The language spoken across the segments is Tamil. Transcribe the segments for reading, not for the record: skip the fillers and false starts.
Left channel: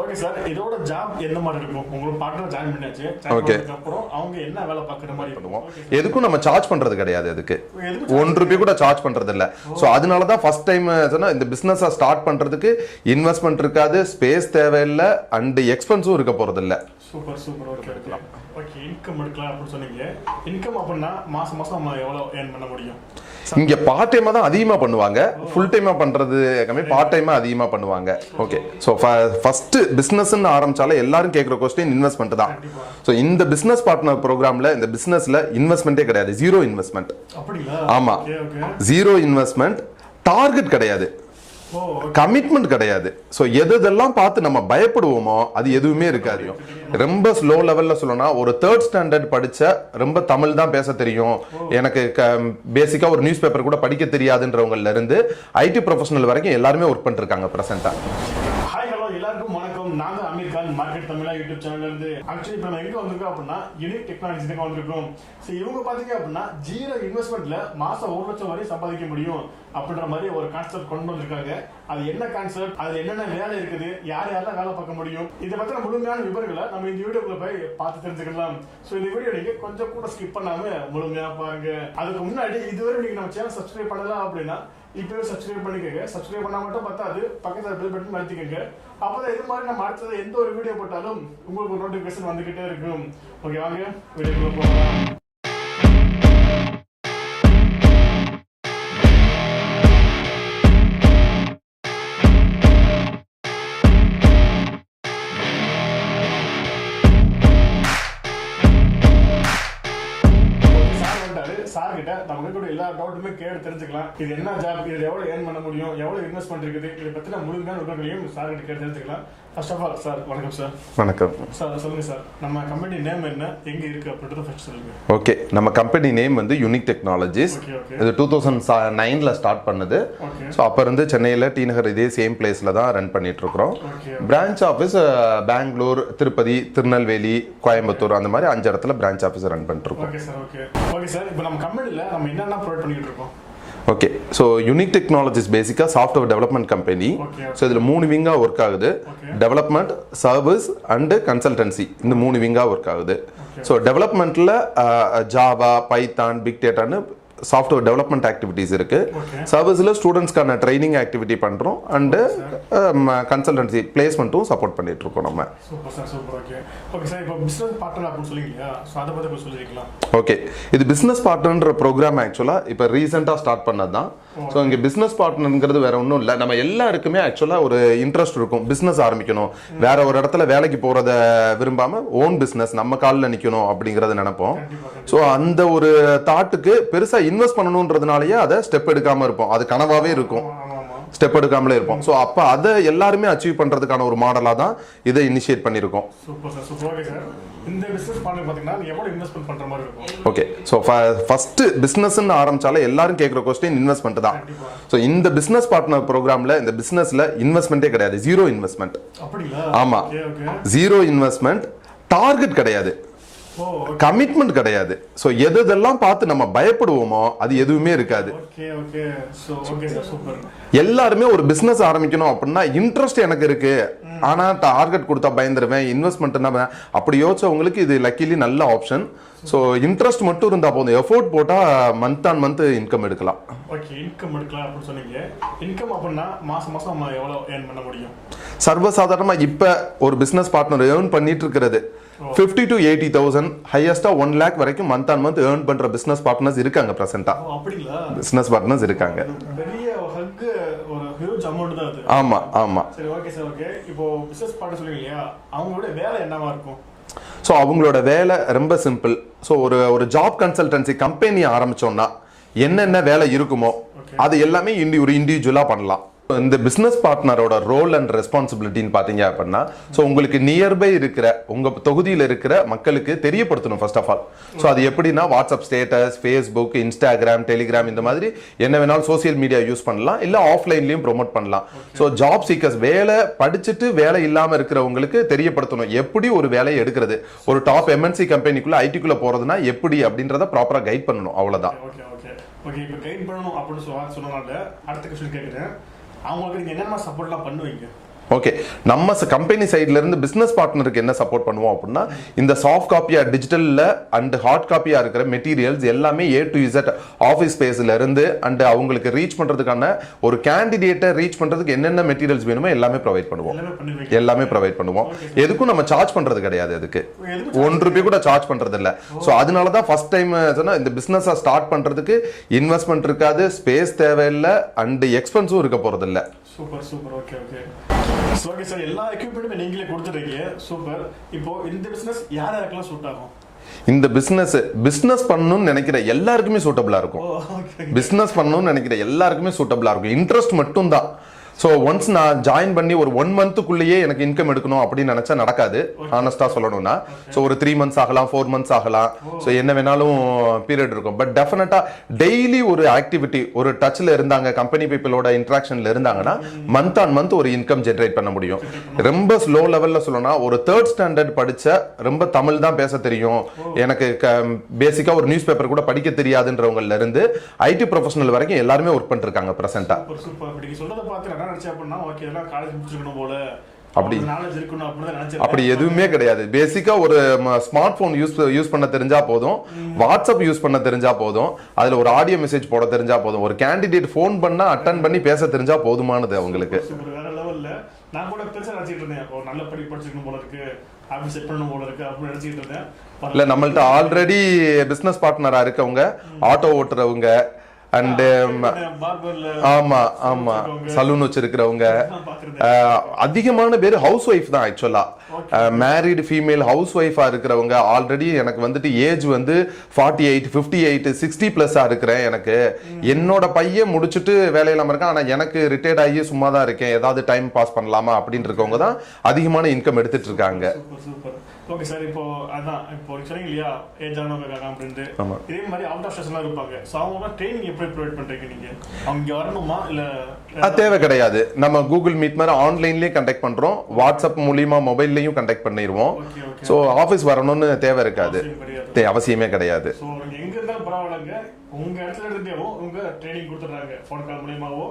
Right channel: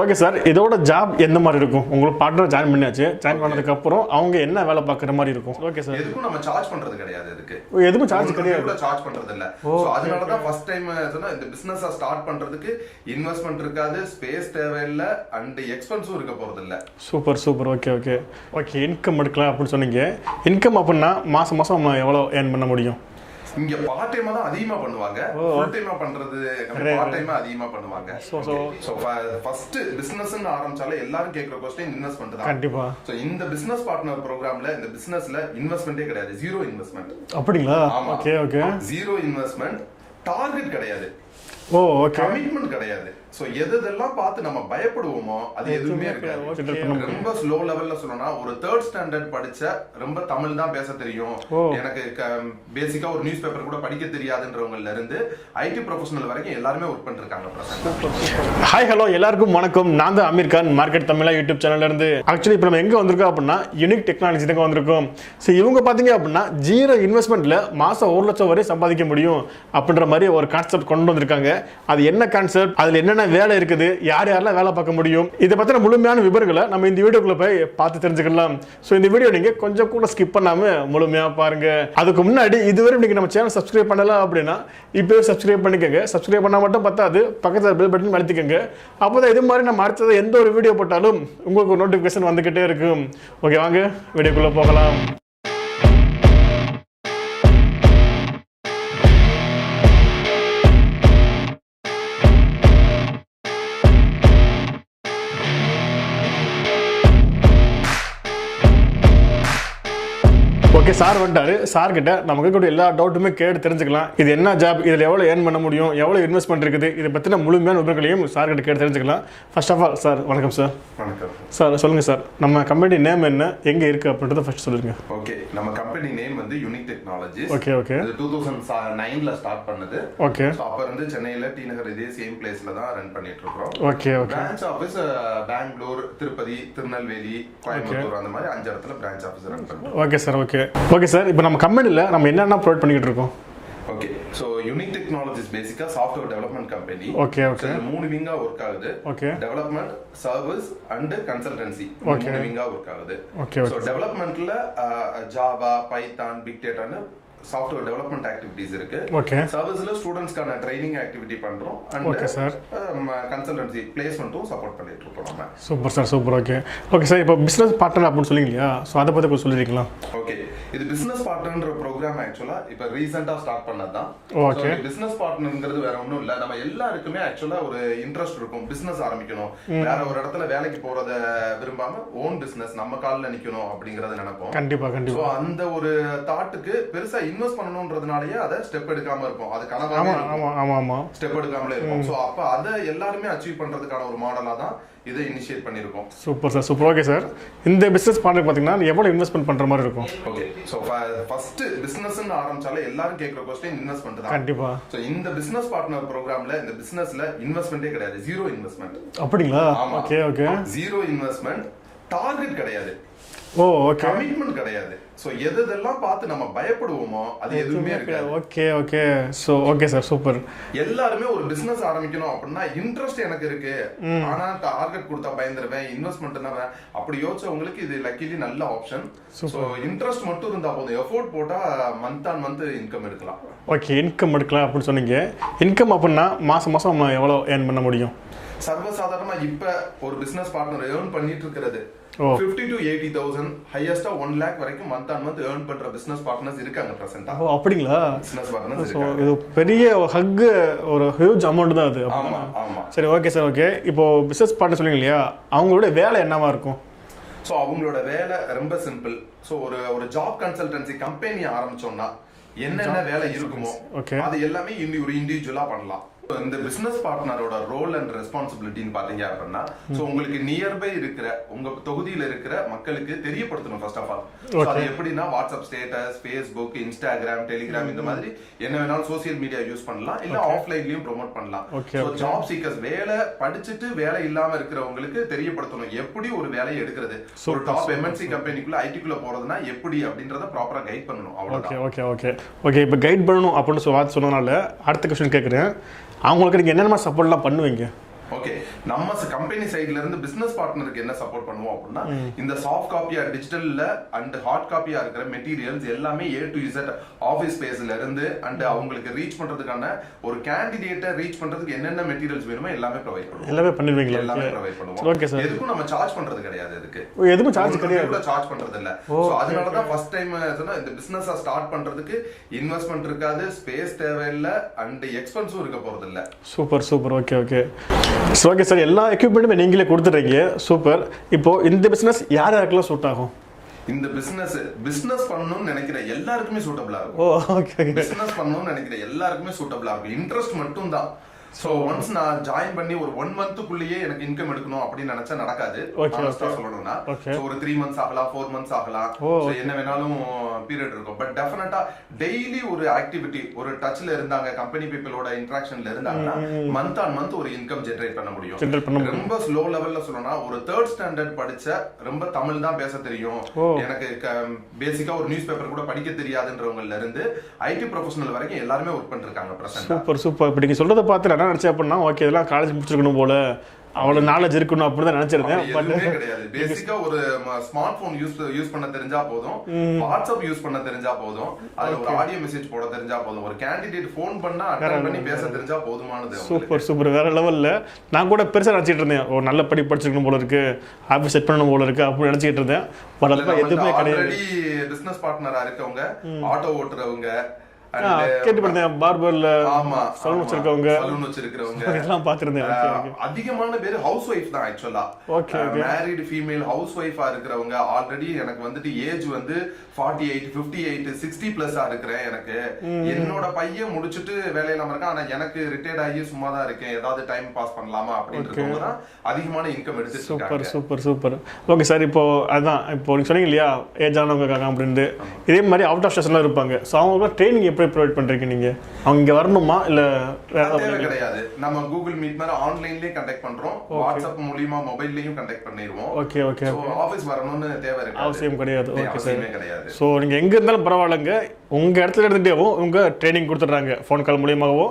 ஓகே சார், இதோட ஜாப் எந்த மாதிரி இருக்கும்? உங்களுக்கு பார்ட்னர் ஜாயின் பண்ணியாச்சு, ஜாயின் பண்ணதுக்கு அப்புறம் அவங்க என்ன வேலை பார்க்குற மாதிரி இருக்கும்? ஓகே சார், எதுக்கும் நம்ம சார்ஜ் பண்றது கிடையாது. அதுக்கு எதுவும் ₹1 கூட சார்ஜ் பண்றது இல்ல. சோ அதனால தான் ஃபர்ஸ்ட் டைம் சொன்னா இந்த பிசினஸா ஸ்டார்ட் பண்றதுக்கு இன்வெஸ்ட்மென்ட் இருக்காது, ஸ்பேஸ் தேவையில்லை, அண்ட் எக்ஸ்பென்ஸும் இருக்க போறது இல்ல. Super super. Okay okay okay. Income எடுக்கலாம் அப்படின்னு சொன்னீங்க. இன்கம் அப்படின்னா மாசம் மாசம் எவ்வளவு ஏர்ன் பண்ண முடியும்? இங்க பார்ட் டைமா தான் அதிகமா பண்ணுவாங்க, ஃபுல் டைமா பண்றது கம்மி, பார்ட் டைமா அதிகமா பண்ணுவாங்க. ஓகே, சோ ஃபர்ஸ்ட் பிசினஸ்னு ஆரம்பிச்சாலே எல்லாரும் கேக்குற क्वेश्चन இன்வெஸ்ட்மென்ட் தான். கண்டிப்பா. சோ இந்த பிசினஸ் பார்ட்னர் ப்ரோகிராம்ல இந்த பிசினஸ்ல இன்வெஸ்ட்மென்ட்டே கிடையாது, ஜீரோ இன்வெஸ்ட்மென்ட். அப்படிங்களா? ஆமா, okay okay. Zero investment, target கிடையாது, கமிட்மெண்ட் கிடையாது. சோ எதெல்லாம் பார்த்து நம்ம பயப்படுவோமோ அது எதுவுமே இருக்காது. ரொம்ப ஸ்லோ லெவல்ல சொல்லணும்னா ஒரு 3rd ஸ்டாண்டர்ட் படிச்ச ரொம்ப தமிழ் தான் பேச தெரியும், எனக்கு பேசிக்கா ஒரு நியூஸ் பேப்பர் கூட படிக்க தெரியாதுன்றவங்கல இருந்து ஐடி ப்ரொஃபஷனல் வரைக்கும் எல்லாருமே ஒர்க் பண்ணிருக்காங்க பிரசன்ட்டா. ஹாய் ஹலோ எல்லாருக்கும் வணக்கம். நான் தான் அமீர் கான், மார்க்கெட் தமிழா யூடியூப் சேனல்ல இருந்து. ஆக்சுவலி இப்போ நம்ம எங்க வந்திருக்கோம் அப்படின்னா யூனிக் டெக்னாலஜி தான் வந்திருக்கோம். ஸோ இவங்க பாத்தீங்க அப்படின்னா ஜீரோ இன்வெஸ்ட்மெண்ட்ல மாசம் 1 லட்சம் வரை சம்பாதிக்க முடியும் அப்படின்ற மாதிரி ஒரு கான்செப்ட் கொண்டு வந்திருக்காங்க. அது என்ன கான்செப்ட், அதுல என்னென்ன வேலை இருக்குது, யார் யாரெல்லாம் வேலை பார்க்க முடியும், இதை பத்தின முழுமையான விவரங்களை நம்ம இந்த வீடியோக்குள்ள போய் பார்த்து தெரிஞ்சுக்கலாம். ஸோ இந்த வீடியோ நீங்க கொஞ்சம் கூட ஸ்கிப் பண்ணாம முழுமையா பாருங்க. அதுக்கு முன்னாடி இதுவரை நீங்க நம்ம சேனல் சப்ஸ்கிரைப் பண்ணல அப்படின்னா இப்பவே சப்ஸ்கிரைப் பண்ணிக்கோங்க. சப்ஸ்கிரைப் பண்ணா மட்டும் பத்தாது, பக்கத்துல பெல் பட்டன் அழுத்திக்கோங்க. அப்போதான் இது மாதிரி நம்ம அடுத்தது எந்த ஒரு வீடியோ போட்டாலும் உங்களுக்கு ஒரு நோட்டிபிகேஷன் வந்துகிட்டே இருக்கும். ஓகே, வாங்க வீடியோக்குள்ள போகலாம். சார் வந்துட்டாரு. சார் கிட்ட நமக்கு கூட எல்லா டவுட்டுமே கேட்டு தெரிஞ்சுக்கலாம். இது என்ன ஜாப், இதுல எவ்வளவு ஏர்ன் பண்ண முடியும், எவ்வளவு இன்வெஸ்ட்மெண்ட் இருக்குது, இதை பத்தின முழுமையான விவரங்களையும் சார் கிட்ட கேட்டு தெரிஞ்சுக்கலாம். ஃபர்ஸ்ட் ஆஃப் ஆல் சார் வணக்கம் சார். வணக்கம் சார். சொல்லுங்க சார், நம்ம கம்பெனி நேம் என்ன, எங்க இருக்கு அப்படின்றத ஃபர்ஸ்ட் சொல்லுங்க. ஓகே, நம்ம கம்பெனி நேம் வந்து யூனிக் டெக்னாலஜிஸ். Okay okay. இது 2009ல ஸ்டார்ட் பண்ணது. ஓகே. சோ அப்ப இருந்து சென்னையில டி நகர் இதே சேம் பிளேஸ்ல தான் ரன் பண்ணிட்டு இருக்கோம். Okay. Branch office Bengaluru, Tirupati, Tirunelveli, Coimbatore அந்த மாதிரி 5 இடத்துல பிரான்ச் ஆபீஸ் ரன் பண்றோம். Okay sir. Okay okay sir. இப்போ நம்ம கம்பெனில நம்ம என்னென்ன ப்ரொவைட் பண்ணிட்டு இருக்கோம்? ஓகே, சோ யூனிக் டெக்னாலஜிஸ் பேசிக்கா software development company. Okay. So இதுல 3 விங்கா ஒர்க் ஆகுது. Development, service and consultancy. இந்த 3 விங்கா ஒர்க் ஆகுது. சோ டெவலப்மெண்ட்ல ஜாவா, பைத்தான், பிக் டேட்டான்னு சாஃப்ட்வேர் டெவலப்மெண்ட் ஆக்டிவிட்டிஸ் இருக்கு. சர்வீஸ்ல ஸ்டூடெண்ட்ஸ்க்கான ட்ரைனிங் ஆக்டிவிட்டி பண்றோம் அண்ட் கன்சல்டன்சி பிளேஸ்மெண்ட்டும் சப்போர்ட் பண்ணிட்டு இருக்கோம் நம்ம. Super sir, super. Okay okay sir. இப்போ பிசினஸ் பார்ட்னர் அப்படின்னு சொல்லிங்களா, ஸோ அதை பற்றி கொஞ்சம் சொல்லிருக்கலாம். ஓகே, இது பிசினஸ் பார்ட்னர்ன்ற ப்ரோக்ராம் ஆக்சுவலா இப்போ ரீசெண்டா ஸ்டார்ட் பண்ணது தான். ஸோ இங்க பிசினஸ் பார்ட்னர்ங்கிறது வேற ஒன்றும் இல்லை, நம்ம எல்லாருக்குமே ஆக்சுவலா ஒரு இன்ட்ரெஸ்ட் இருக்கும், பிசினஸ் ஆரம்பிக்கணும், வேற ஒரு இடத்துல வேலைக்கு போறத விரும்பாம ஓன் பிசினஸ் நம்ம காலில் நிக்கணும் அப்படிங்கறத நினைப்போம். கண்டிப்பா. ஸோ அந்த ஒரு தாட்டுக்கு பெருசா இன்வெஸ்ட் பண்ணணும்ன்றதுனாலயே அதை ஸ்டெப் எடுக்காம இருப்போம், அது கனவாவே இருக்கும், ஸ்டெப் எடுக்காமலே இருப்போம். சோ அப்ப அதை எல்லாருமே அச்சீவ் பண்றதுக்கான ஒரு மாடலா தான் இதை இனிஷியேட் பண்ணிருக்கோம். Super sir, super. Okay sir, இந்த பிசினஸ் பார்ட்னர் பாத்தீங்கன்னா எவ்வளவு இன்வெஸ்ட்மென்ட் பண்ற மாதிரி இருக்கும்? ஓகே, சோ ஃபர்ஸ்ட் பிசினஸ்னு ஆரம்பிச்சாலே எல்லாரும் கேக்குற क्वेश्चन இன்வெஸ்ட்மென்ட் தான். கண்டிப்பா. சோ இந்த பிசினஸ் பார்ட்னர் ப்ரோகிராம்ல இந்த பிசினஸ்ல இன்வெஸ்ட்மென்ட்டே கிடையாது, ஜீரோ இன்வெஸ்ட்மென்ட். அப்படிங்களா? ஆமா. Okay okay. Zero investment, target கிடையாது, கமிட்மெண்ட் கிடையாது. சோ எதெல்லாம் பார்த்து நம்ம பயப்படுவோமோ அது எதுவுமே இருக்காது. Okay okay. So okay sir, super. எல்லாருமே ஒரு பிசினஸ் ஆரம்பிக்கணும் அப்படின்னா இன்ட்ரெஸ்ட் எனக்கு இருக்கு, ஆனா டார்கெட் கொடுத்தா பயந்துருவேன், இன்வெஸ்ட்மெண்ட்னா அப்படி யோசிச்சவங்களுக்கு இது லக்கிலி நல்ல ஆப்ஷன். சோ இன்ட்ரெஸ்ட் மட்டும் இருந்தா போதும், எஃபோர்ட் போட்டா மந்த் ஆன் மந்த் இன்கம் எடுக்கலாம். ஓகே, இன்கம் எடுக்கலாம் அப்படின்னு சொன்னீங்க. இன்கம் அப்படின்னா மாசம் மாசம் நம்ம எவ்வளவு ஏர்ன் பண்ண முடியும்? சர்வசாதாரணமா இப்ப ஒரு பிசினஸ் பார்ட்னர் ஏர்ன் பண்ணிட்டு இருக்கிறது 50 to 80,000, ஹையஸ்டா 1 lakh வரைக்கும் மந்த் ஆன் மந்த் ஏர்ன் பண்ற பிசினஸ் பார்ட்னர்ஸ் இருக்காங்க பிரசன்ட்டா. அப்படிங்களா? பிசினஸ் பார்ட்னர்ஸ் இருக்காங்க. இது பெரிய ஹக், ஒரு ஹியூஜ் அமௌண்ட் தான் அது. ஆமா ஆமா. சரி, ஓகே சார். ஓகே, இப்போ பிசினஸ் பார்ட்னர் சொல்லுங்க இல்லையா, அவங்களோட வேலை என்னவா இருக்கும்? ஸோ அவங்களோட வேலை ரொம்ப சிம்பிள். ஸோ ஒரு ஜாப் கன்சல்டன்சி கம்பெனி ஆரம்பிச்சோம்னா என்னென்ன வேலை இருக்குமோ அது எல்லாமே ஒரு இண்டிவிஜுவலா பண்ணலாம். இந்த பிசினஸ் பார்ட்னரோட ரோல் அண்ட் ரெஸ்பான்சிபிலிட்டின்னு பாத்தீங்க அப்படின்னா, சோ உங்களுக்கு நியர்பை இருக்கிற உங்க தொகுதியில இருக்கிற மக்களுக்கு தெரியப்படுத்தணும் ஃபர்ஸ்ட் ஆஃப் ஆல். சோ அது எப்படின்னா WhatsApp status, Facebook, Instagram, Telegram இந்த மாதிரி என்ன வேணாலும் சோசியல் மீடியா யூஸ் பண்ணலாம், இல்ல ஆஃப்லைன்லயும் ப்ரோமோட் பண்ணலாம். சோ ஜாப் சீக்கர்ஸ், வேலை படிச்சுட்டு வேலை இல்லாம இருக்கிறவங்களுக்கு தெரியப்படுத்தணும் எப்படி ஒரு வேலையை எடுக்கிறது, ஒரு டாப் எம்என்சி கம்பெனிக்குள்ள ஐடிக்குள்ள போறதுன்னா எப்படி அப்படின்றத ப்ராப்பரா கைட் பண்ணணும், அவ்வளவுதான். Okay okay okay. இப்போ கைட் பண்ணணும் அப்படின்னு சொன்னனால அடுத்த क्वेश्चन கேக்குறேன், அவங்களுக்கு நீங்க என்னென்ன சப்போர்ட்லாம் பண்ணுவீங்க? ஓகே, நம்ம கம்பெனி சைடுல இருந்து பிசினஸ் பார்ட்னருக்கு என்ன சப்போர்ட் பண்ணுவோம் அப்படின்னா, இந்த சாஃப்ட் காப்பியா டிஜிட்டல்ல அண்ட் ஹார்ட் காப்பியா இருக்கிற மெட்டீரியல்ஸ் எல்லாமே A to Z ஆஃபீஸ் ஸ்பேஸ்ல இருந்து அண்ட் அவங்களுக்கு ரீச் பண்றதுக்கான ஒரு கேண்டிடேட்டை ரீச் பண்றதுக்கு என்னென்ன மெட்டீரியல்ஸ் வேணுமோ எல்லாமே ப்ரொவைட் பண்ணுவோம். எல்லாமே ப்ரொவைட் பண்ணுவோம். எதுக்கும் நம்ம சார்ஜ் பண்றது கிடையாது. அதுக்கு ₹1 கூட சார்ஜ் பண்றது இல்ல. சோ அதனால தான் ஃபர்ஸ்ட் டைம் சொன்னா இந்த பிசினஸ் ஸ்டார்ட் பண்றதுக்கு இன்வெஸ்ட்மெண்ட் இருக்காது, ஸ்பேஸ் தேவையில்லை அண்ட் எக்ஸ்பென்ஸும் இருக்க போறது இல்ல. Super super. Okay okay okay sir, எல்லா எக்யூப்மெண்ட்டுமே நீங்களே கொடுத்துட்டீங்க. சூப்பர். இப்போ இந்த பிசினஸ் யார் யாருக்கெல்லாம் சூட் ஆகும்? இந்த பிசினஸ் பண்ணணும்னு நினைக்கிற எல்லாருக்குமே சூட்டபிளா இருக்கும். பிசினஸ் பண்ணணும்னு நினைக்கிற எல்லாருக்குமே சூட்டபிளா இருக்கும். இன்ட்ரெஸ்ட் மட்டும் தான். சோ ஒன்ஸ் நான் ஜாயின் பண்ணி ஒரு 1 மந்த்துக்குள்ளேயே எனக்கு இன்கம் எடுக்கணும் அப்படின்னு நினைச்சா நடக்காது. ஆனஸ்டா சொல்லணும்னா சோ ஒரு 3 மந்த்ஸ் ஆகலாம், 4 மந்த்ஸ் ஆகலாம். சோ என்ன வேணாலும் பீரியட் இருக்கும். பட் டெஃபினட்டா டெய்லி ஒரு ஆக்டிவிட்டி, ஒரு டச்ல இருந்தாங்க, கம்பெனி பீப்பிளோட இன்டராக்ஷன்ல இருந்தாங்கன்னா மந்த் ஆன் மந்த் ஒரு இன்கம் ஜெனரேட் பண்ண முடியும். ரொம்ப ஸ்லோ லெவல்ல சொல்லணும்னா ஒரு 3rd ஸ்டாண்டர்ட் படிச்ச, ரொம்ப தமிழ் தான் பேச தெரியும், எனக்கு பேசிக்கா ஒரு நியூஸ் பேப்பர் கூட படிக்க தெரியாதுன்றவங்கல இருந்து ஐடி ப்ரொஃபஷனல் வரைக்கும் எல்லாருமே ஒர்க் பண்ணிருக்காங்க பிரசன்ட்டா. Super super. இப்படி நீங்க சொல்றத பார்த்து நினைச்சேன் அப்படின்னா, ஓகே இதெல்லாம் காலேஜ் முடிச்சிருக்கணும் போல, அவ்வளவு நாலேஜ் இருக்கணும் அப்படிதான் நினைச்சிருக்கேன். அப்படி எதுவுமே கிடையாது. பேசிக்கா ஒரு ஸ்மார்ட் போன் யூஸ் பண்ண தெரிஞ்சா போதும், வாட்ஸ்அப் யூஸ் பண்ண தெரிஞ்சா போதும், அதுல ஒரு ஆடியோ மெசேஜ் போட தெரிஞ்சா போதும், ஒரு கேண்டிடேட் போன் பண்ணா அட்டெண்ட் பண்ணி பேச தெரிஞ்சா போதுமானது அவங்களுக்கு. சூப்பர். வேற லெவல்ல. நான் கூட பெருசா நினைச்சிட்டு இருந்தேன், ஒரு நல்ல படி படிச்சிருக்கணும் போல இருக்கு, ஆபீஸ் செட் பண்ணணும் போல இருக்கு அப்படின்னு நினைச்சிட்டு இருந்தேன். நம்மள்ட்ட ஆல்ரெடி பிசினஸ் பார்ட்னரா இருக்கவங்க, ஆட்டோ ஓட்டுறவங்க அண்ட் ஆமா ஆமா சலூன் வச்சிருக்கிறவங்க அதிகமான பேர் ஹவுஸ் ஒய்ஃப் தான். ஆக்சுவலா மேரிட் ஃபீமேல் ஹவுஸ் ஒய்ஃபா இருக்கிறவங்க, ஆல்ரெடி எனக்கு வந்துட்டு ஏஜ் வந்து 48, 58, 60 பிளஸ்ஸா இருக்கிறேன், எனக்கு என்னோட பையன் முடிச்சுட்டு வேலையில இருக்கான், ஆனா எனக்கு ரிட்டையர்ட் ஆகி சும்மா தான் இருக்கேன், ஏதாவது டைம் பாஸ் பண்ணலாமா அப்படின்னு இருக்கவங்க தான் அதிகமான இன்கம் எடுத்துட்டு இருக்காங்க. Super super. ஓகே சார், இப்போ அதான் இப்போ நீங்க சொன்னீங்க இல்லையா ஏஜ் ஆனவங்க இருக்காங்க அப்படின்னு, இதே மாதிரி அவுட் ஆஃப் ஸ்டேஷன்ல இருப்பாங்க. சோ அவங்க ட்ரைனிங் எப்படி ப்ரொவைட் பண்றீங்க நீங்க? அவங்க இங்க வரணுமா இல்ல? தேவை கிடையாது. நம்ம கூகுள் மீட் மாதிரி ஆன்லைன்லயே கண்டக்ட் பண்றோம், வாட்ஸ்அப் மூலமா மொபைல்லயும் கண்டக்ட் பண்ணிடுவோம். Okay okay. சோ ஆபீஸ் வரணும்னு தேவை இருக்காது, அவசியமே கிடையாது. சோ நீங்க எங்க இருந்தாலும் பரவாயில்லைங்க, உங்க இடத்துல எடுத்துட்டேவோ உங்க ட்ரைனிங் கொடுத்துட்றாங்க. ஃபோன் கால் மூலியமாகவோ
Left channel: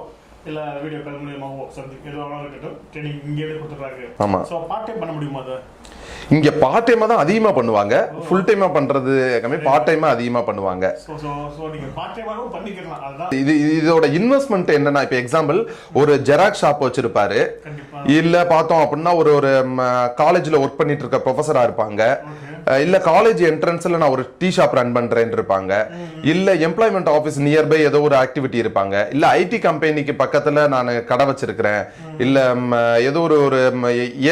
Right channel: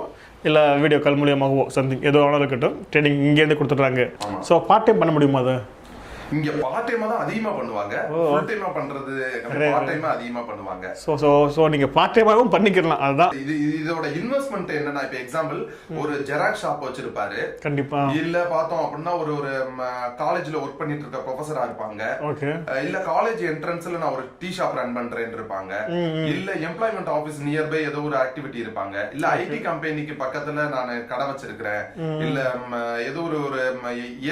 இல்ல வீடியோ கால் மூலியமாகவோ சம்திங் ஏதோ ஆனாலும் இருக்கட்டும், ட்ரைனிங் இங்க இருந்து கொடுத்துட்றாங்க. ஆமா. சோ பார்ட் டைம் பண்ண முடியுமா? அதை இங்க பார்ட் டைமா தான் அதிகமா பண்ணுவாங்க, ஃபுல் டைமா பண்றது கம்மி, பார்ட் டைமா அதிகமா பண்ணுவாங்க. சோ நீங்க பார்ட் டைமாவும் பண்ணிக்கலாம். அதான் இதோட இன்வெஸ்ட்மென்ட் என்னன்னா, இப்ப எக்ஸாம்பிள் ஒரு ஜெராக்ஸ் ஷாப் வச்சிருப்பாரு, கண்டிப்பா இல்ல பார்த்தோம் அப்படின்னா ஒரு காலேஜ்ல ஒர்க் பண்ணிட்டு இருக்க ப்ரொஃபஸரா இருப்பாங்க, இல்ல காலேஜ் என்ட்ரன்ஸ்ல நான் ஒரு டீ ஷாப் ரன் பண்றேன்னு இருப்பாங்க, இல்ல எம்ப்ளாய்மெண்ட் ஆபீஸ் நியர்பை ஏதோ ஒரு ஆக்டிவிட்டி இருப்பாங்க, இல்ல ஐடி கம்பெனிக்கு பக்கத்துல நான் கடை வச்சிருக்கிறேன், இல்ல ஏதோ ஒரு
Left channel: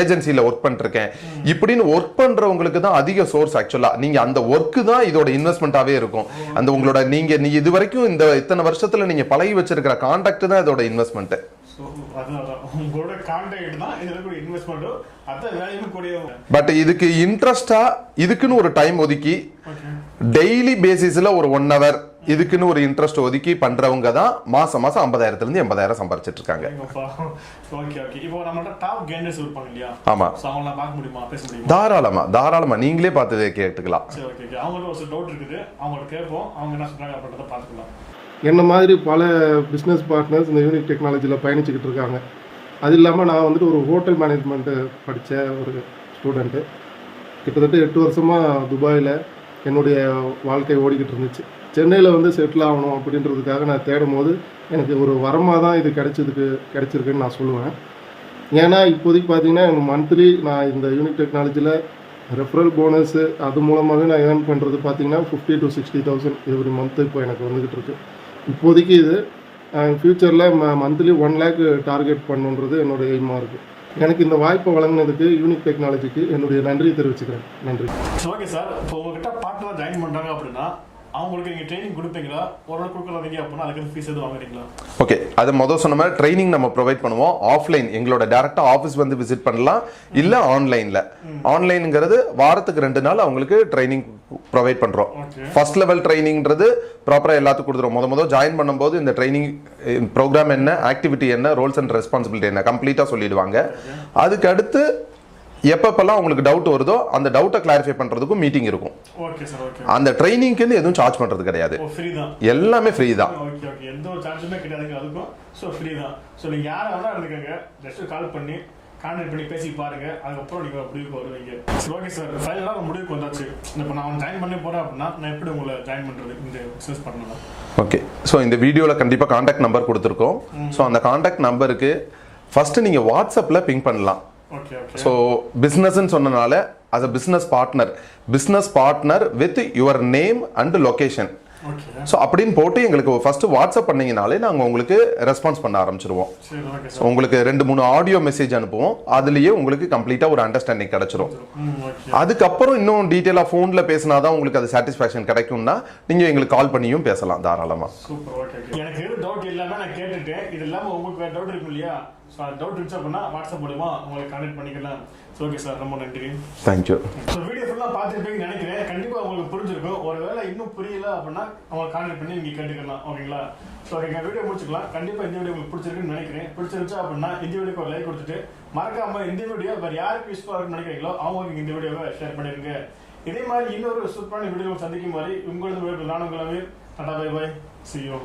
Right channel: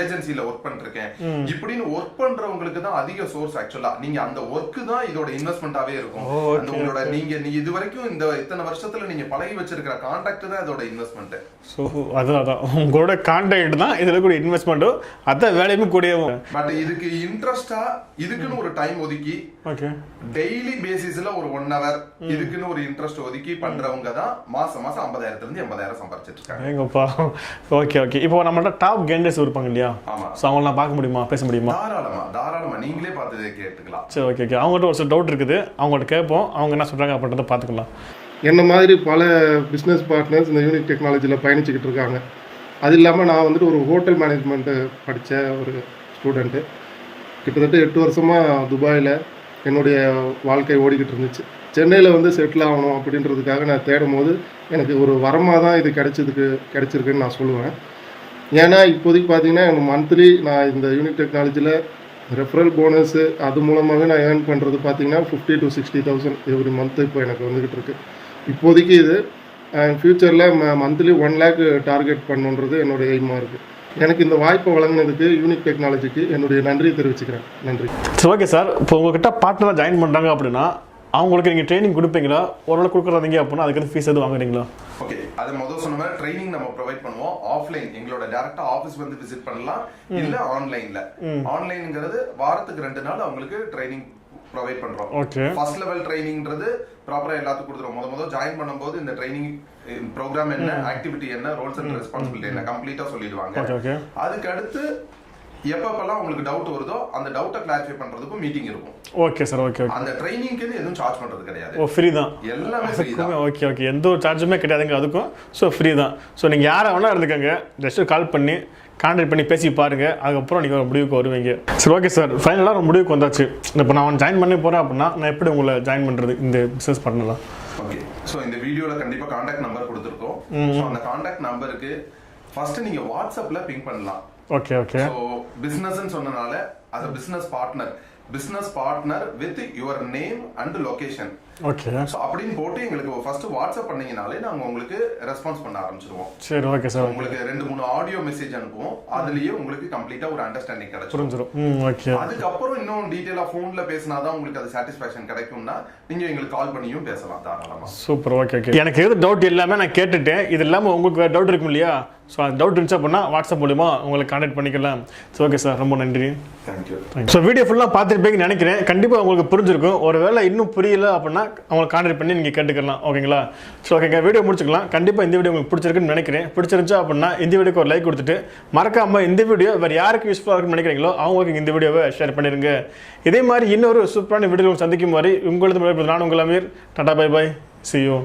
ஏஜென்சில ஒர்க் பண்ணிருக்கேன். இப்படின்னு ஒர்க் பண்றவங்களுக்கு தான் அதிக சோர்ஸ். ஆக்சுவலா நீங்க அந்த ஒர்க் தான் இதோட இன்வெஸ்ட்மெண்டாவே இருக்கும். அந்த உங்களோட நீங்க இது வரைக்கும் இந்த இத்தனை வருஷத்துல நீங்க பழகி வச்சிருக்கிற கான்டாக்ட் தான் இதோட இன்வெஸ்ட்மெண்ட். சோ அதான் உங்களோட கான்டாக்ட் தான் இதுல கூட இன்வெஸ்ட்மெண்ட், அத வேலையுமே கூடிய. பட் இதுக்கு இன்ட்ரெஸ்டா இதுக்குன்னு ஒரு டைம் ஒதுக்கி டெய்லி பேசிஸ்ல ஒரு 1 hour இதுக்குன்னு ஒரு இன்ட்ரெஸ்ட் ஒதுக்கி பண்றவங்க தான் மாசம் 50,000 இருந்து 80,000 சம்பாதிச்சிட்டு இருக்காங்க. Okay okay. இப்போ நம்மளோட டாப் கெண்டர்ஸ் இருப்பாங்க இல்லையா? ஆமா. சோ அவங்கள பார்க்க முடியுமா, பேச முடியுமா? தாராளமா நீங்களே பார்த்து கேட்டுக்கலாம். சரி ஓகே ஓகே. அவங்ககிட்ட ஒரு டவுட் இருக்குது, அவங்கள்ட்ட கேட்போம், அவங்க என்ன சொல்றாங்க அப்படின்றத பார்த்துக்கலாம். என்ன மாதிரி பல பிஸ்னஸ் பார்ட்னர்ஸ் இந்த யூனிக் டெக்னாலஜியில் பயணிச்சுக்கிட்டு இருக்காங்க. அது இல்லாமல் நான் வந்துட்டு ஒரு ஹோட்டல் மேனேஜ்மெண்ட்டு படித்த ஒரு ஸ்டூடெண்ட்டு. கிட்டத்தட்ட 8 வருஷமாக துபாயில் என்னுடைய வாழ்க்கை ஓடிக்கிட்டு இருந்துச்சு. சென்னையில் வந்து செட்டில் ஆகணும் அப்படின்றதுக்காக நான் தேடும் போது எனக்கு ஒரு வரமாக தான் இது கிடைச்சிருக்குன்னு நான் சொல்லுவேன். ஏன்னா இப்போதைக்கு பார்த்தீங்கன்னா எனக்கு மந்த்லி நான் இந்த யூனிக் டெக்னாலஜியில் ரெஃபரல் போனஸு அது மூலமாகவே நான் ஏர்ன் பண்ணுறது பார்த்தீங்கன்னா 50,000 to 60,000 எவ்ரி மந்த்து இப்போ எனக்கு வந்துக்கிட்டு இருக்குது. இப்போதைக்கு இது ஃப்யூச்சரில் மந்த்லி 1 lakh டார்கெட் பண்ணுன்றது என்னுடைய எய்மாக இருக்குது. எனக்கு இந்த வாய்ப்பை வழங்கினதுக்கு யூனிக் டெக்னாலஜிக்கு என்னுடைய நன்றி தெரிவிச்சுக்கிறேன். நன்றி. ஓகே சார், இப்போ உங்ககிட்ட பார்ட்னராக ஜாயின் பண்ணுறாங்க அப்படின்னா அவங்களுக்கு நீங்கள் ட்ரைனிங் கொடுப்பீங்களா? ஓரளவு கொடுக்குறீங்க அப்படின்னா அதுக்கு ஃபீஸ் எதுவும் வாங்குறீங்களா? ஓகே, அது முதல் சொன்ன மாதிரி ட்ரைனிங் நம்ம ப்ரொவைட் பண்ணுவோம். ஆஃப்லைன் எங்களோட டைரக்டா ஆஃபீஸ் வந்து விசிட் பண்ணலாம், இல்ல ஆன்லைன்ல. ஆன்லைன்ங்கிறது வாரத்துக்கு 2 நாள் அவங்களுக்கு ட்ரைனிங் ப்ரொவைட் பண்றோம். ஃபர்ஸ்ட் லெவல் ட்ரைனிங்ன்றது ப்ராப்பரா எல்லாத்துக்கும் கொடுத்துரும். முதல் ஜாயின் பண்ணும்போது இந்த ட்ரைனிங் ப்ரோக்ராம் என்ன, ஆக்டிவிட்டி என்ன, ரோல்ஸ் அண்ட் ரெஸ்பான்சிபிலிட்டி என்ன கம்ப்ளீட்டா சொல்லிடுவாங்க. அதுக்கு அடுத்து எப்பப்பெல்லாம் உங்களுக்கு டவுட் வருதோ அந்த டவுட்டை கிளாரிஃபை பண்றதுக்கும் மீட்டிங் இருக்கும். Okay sir. ஓகே. அந்த ட்ரைனிங்க்கு எதுவும் சார்ஜ் பண்றது கிடையாது. ஃப்ரீ தான், எல்லாமே ஃப்ரீ தான். Okay okay. எந்த ஒரு சார்ஜுமே கிடையாதுங்க அதுக்கும். ஸோ ஃப்ரீ தான். ஸோ நீங்கள் யாரை வேணா இருந்துக்கங்க, ஜஸ்ட் கால் பண்ணி கான்டாக்ட் பண்ணி பேசி பாருங்க, அதுக்கப்புறம் நீங்கள் ஒரு முடிவுக்கு வருவீங்க. சரி, ஓகே சார், ஃபைனலாக ஒரு முடிவுக்கு வந்தாச்சு. இப்போ நான் ஜாயின் பண்ணி போகிறேன் அப்படின்னா நான் எப்படி உங்களை ஜாயின் பண்ணுறது இந்த பிஸ்னஸ் பண்ணலாம்? ஓகே, ஸோ இந்த வீடியோவில் கண்டிப்பாக காண்டாக்ட் நம்பர் கொடுத்துருக்கோம். ஸோ அந்த காண்டாக்ட் நம்பருக்கு ஃபர்ஸ்ட் நீங்கள் வாட்ஸ்அப்பில் பிங் பண்ணலாம். Okay okay. ஸோ பிஸ்னஸ்ன்னு சொன்னனால as a business partner with your name and location. Okay. So அப்படின்னு போட்டு எங்களுக்கு ஃபர்ஸ்ட் வாட்ஸ்அப் பண்ணீங்கனாலே நாங்கள் உங்களுக்கு ரெஸ்பான்ஸ் பண்ண ஆரம்பிச்சிருவோம். சரி, ஓகே சார். உங்களுக்கு 2-3 ஆடியோ மெசேஜ் அனுப்புவோம், அதுலயே உங்களுக்கு கம்ப்ளீட்டா ஒரு அண்டர்ஸ்டாண்டிங் கிடைச்சிரும். ஓகே. அதுக்கப்புறம் இன்னும் டீட்டெயிலா ஃபோன்ல பேசினாதான் உங்களுக்கு அது சாட்டிஸ்ஃபேக்ஷன் கிடைக்கும்னா நீங்க எங்களுக்கு கால் பண்ணியும் பேசலாம் தாராளமா. Super, okay okay. எனக்கு எது டவுட் எல்லாமே நான் கேட்டுட்டேன். இது இல்லாமல் உங்களுக்கு டவுட் இருக்கும் இல்லையா? ஸோ அந்த டவுட் இருந்துச்சு அப்படின்னா வாட்ஸ்அப் மூலிமா உங்களை கான்டாக்ட் பண்ணிக்கலாம். ஸோ ஓகே சார், ரொம்ப நன்றி. தேங்க்யூ. ஸோ வீடியோ ஃபுல்லாக பார்த்துருப்பீங்கன்னு நினைக்கிறேன். கண்டிப்பாக உங்களுக்கு புரிஞ்சிருக்கும். ஒரு வேளை இன்னும் புரியல அப்படின்னா அவங்களை கான்டாக்ட் பண்ணி நீங்கள் கேட்டுக்கலாம். ஓகேங்களா? ஸோ ஓகேங்க, வீடியோ முடிச்சுக்கலாம். கண்டிப்பாக இந்த வீடியோ உங்களுக்கு பிடிச்சிருக்குன்னு நினைக்கிறேன். பிடிச்சிருந்துச்சு அப்படின்னா இந்த வீடியோக்கு ஒரு லைக் கொடுத்துட்டு மறக்காமல் இந்த வீடியோ வேறு யாருக்கு யூஸ்ஃபுல்லாக இருக்குன்னு நினைக்கிறீங்களோ அவங்களுக்கு இந்த வீடியோவை ஷேர் பண்ணிடுங்க. இதே மாதிரி இன்னொரு சூப்பரான வீடியோ சந்திக்கும் மாதிரி உங்களது நான் உங்கள் Aamir. Tata, bye bye, see you.